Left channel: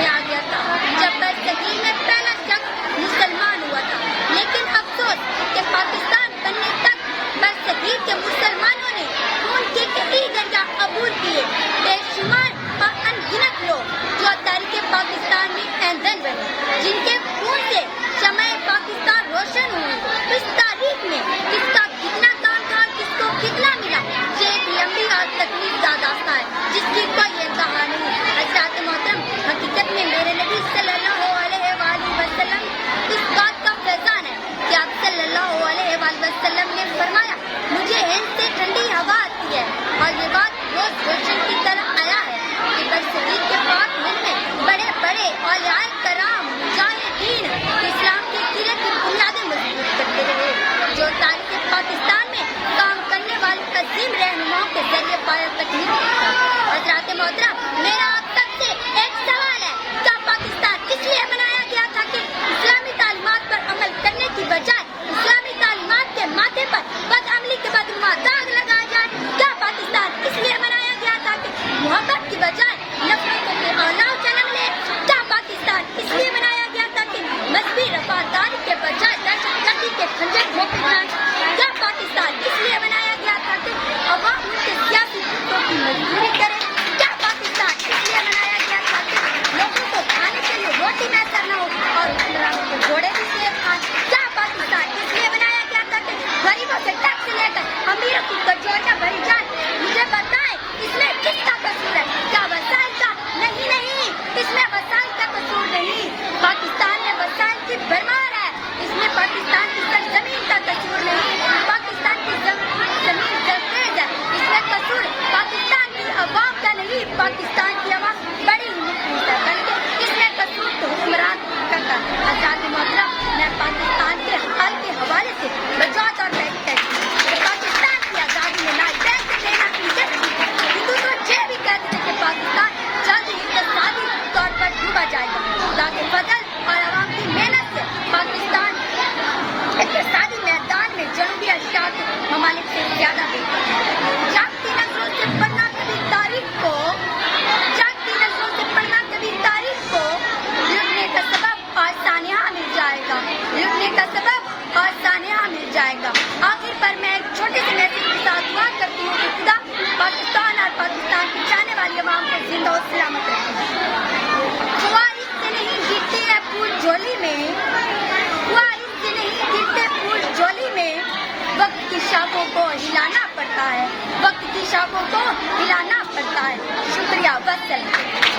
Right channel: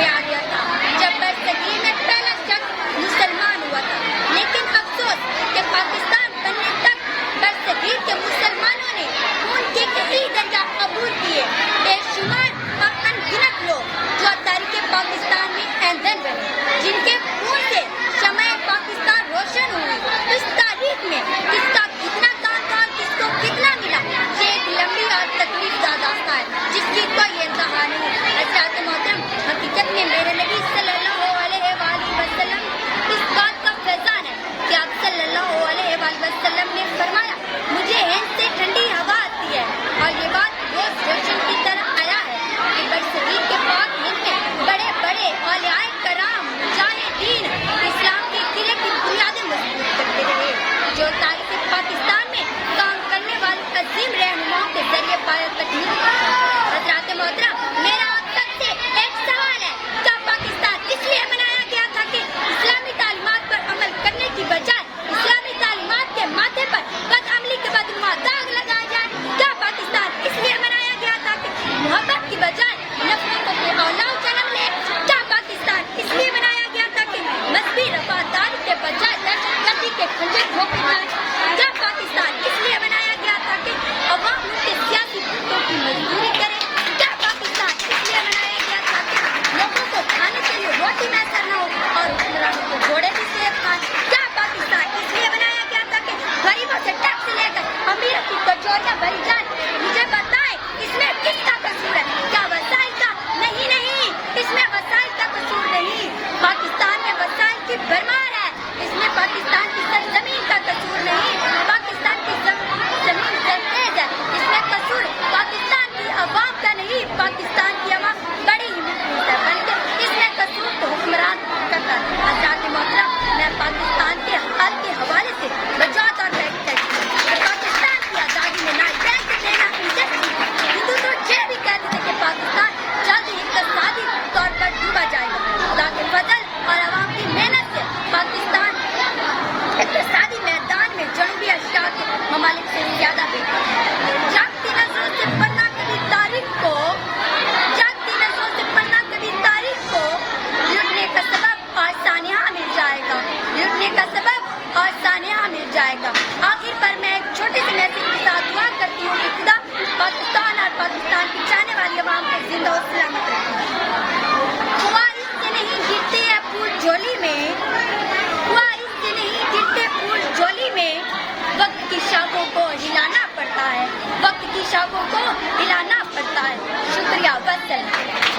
میں آ گیا تھا جب برصغیر میں پہلا شخص مسلمان ہوا تھا، لیکن افسوس کہ پاکستان بننے تک برصغیر کے مسلمانوں نے خون کے کئی دریا قبول کیے۔ بے شمار اور انگنت لوگ جو تاریخ پاکستان میں ایندھن بنے، جن کے خون سے شمع پاکستان روشن ہوئی۔ اس تاریخ میں کس کا کتنا کام تھا، کس کو کتنا ملا، یہ ایک لمبی اور تکلیف دہ داستان ہے جس کی کوئی انتہا نہیں۔ حضرات محترم، حقیقت میں میرے نبی صلی اللہ علیہ وآلہ وسلم اس بات کا فیضان ہے کہ آپ صلی اللہ علیہ وآلہ وسلم نے فرمایا، مجھے ہند سے ٹھنڈی ہوا آتی ہے، اور یہ بات روز روشن کی طرح آیا ہے کہ برصغیر کے پاک ہند میں بڑے بڑے اولیاء کرام مجاہدین اسلام کے قلعے کی بنیادیں مضبوط کرتے رہے، جو تاریخ پاکستان میں کام کرنے والے عظیم رہنماؤں کے ذریعے پایہ تکمیل ہوئی ہے۔ حضرات محترم، میرا آپ سب سے ایک سوال ہے، کیا پاکستان اس لیے بنایا گیا تھا کہ اسلامی تعلیمات پر عمل کرنے کی بجائے اسلامی تعلیمات کے ماتھے پر بدعملی کے بدنما داغ لگایا جائے؟ کیا پاکستان اس لیے بنایا گیا تھا کہ محبت کی بجائے نفرتوں کے اولاد جنم لے؟ کیا پاکستان اس لیے بنایا گیا تھا کہ مذہبی رفاقداری کے بجائے دہشت گردی کے خنجر گھونپے جائیں؟ کیا پاکستان اس لیے بنایا گیا تھا کہ عوام ان کے سیاسی بتوں کی مزدوری کرے؟ کیا پاکستان اس لیے بنایا گیا تھا کہ لوگوں کو کھانے کے لیے روٹی میسر نہ ہو اور حکمرانوں کو گھوڑے بھی سیب کھائیں؟ کیا پاکستان اس لیے بنایا گیا تھا کہ غریبوں سے ٹیکس لے کر امیروں کی کچوریاں بھری جائیں؟ مجھے بتائیں، اس میں کس کا قصور ہے؟ کیا وسائل کا؟ نہیں، اس میں وسائل کا قصور نہیں، پاکستان میں وسائل کی بھرمار ہے۔ اس میں پاکستان کی سرزمین کا قصور نہیں، پاکستان کی زمین زرخیز ہے۔ اس میں قصور پاکستان کی عوام کا نہیں، پاکستان کی عوام بڑی ہی مخلص ہے، بلکہ اس میں قصور تو حکمران کرتا ہے۔ حضرات محترم، میں پاکستان کے حال کے حوالے سے وضاحت اور بیٹھ کرتی ہوں کہ پاکستان کی آزادی میں نہ ٹینک لینا ہندوستان یہ بھی کہتے ہیں کہ پاکستان جلد ہی اقتصادی طور پر ڈوبا جائے گا، تاکہ فضل اور عوام کی محنت سے پاکستان اقتصادی میدان میں جنوبی ایشیا کے ممالک سے زیادہ بہتر ہے۔ جاگتی نظروں سے پڑھنا کبھی تاریخ کو لٹنے کا سبب اور سانحہ مل جائے گا، اور سانحہ مل جائے گا۔ آخر پر میں ایک چھوٹے سے میسج کے ساتھ دعا کرتی ہوں کہ خدا پاکستان اور پاکستان کی چاہنے والی عوام کو زندہ و سلامت رکھے۔ خواہش سے نہیں گرتے ہیں پھول جھولی میں، خواہش سے نہیں گرتے پھول جھولی میں، وقت کی شاخوں کو ہلانا پڑتا ہے، وقت کی شاخوں کو ہلانا پڑتا ہے۔ شکریہ، وسلام۔